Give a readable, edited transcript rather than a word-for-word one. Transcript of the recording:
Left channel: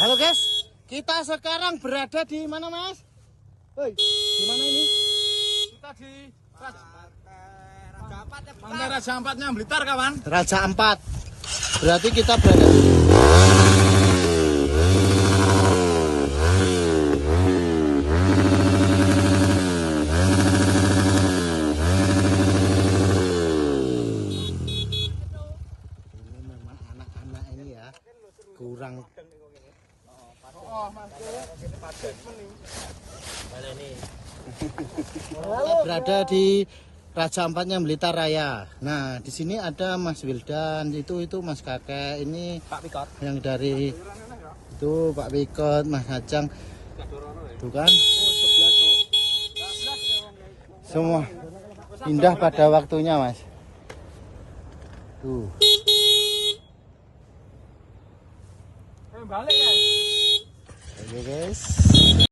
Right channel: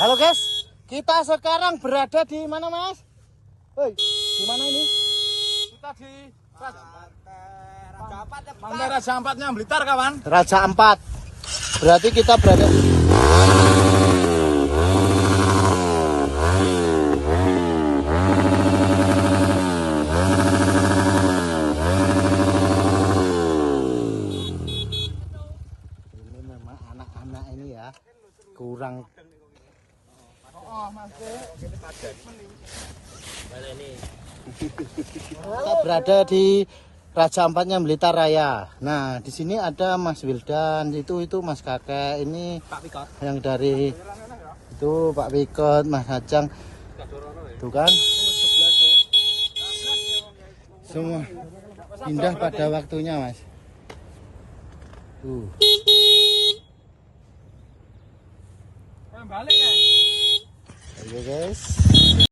Halo guys, kita sekarang berada di mana mas? Hei, di mana ini? Kita di Raja Ampatnya Blitar kawan. Raja Ampat. Berarti kita berada di ini memang anak-anak ini ya kurang. Kita berada di Raja Ampatnya Blitar Raya. Nah, di sini ada Mas Wildan, itu Mas Kakek, ini Pak Pikot. yang dari itu Pak Pikot, Mas Ajang. Tuh kan? Semua indah pada waktunya, Mas. Tuh. Balik ya. Oke, guys.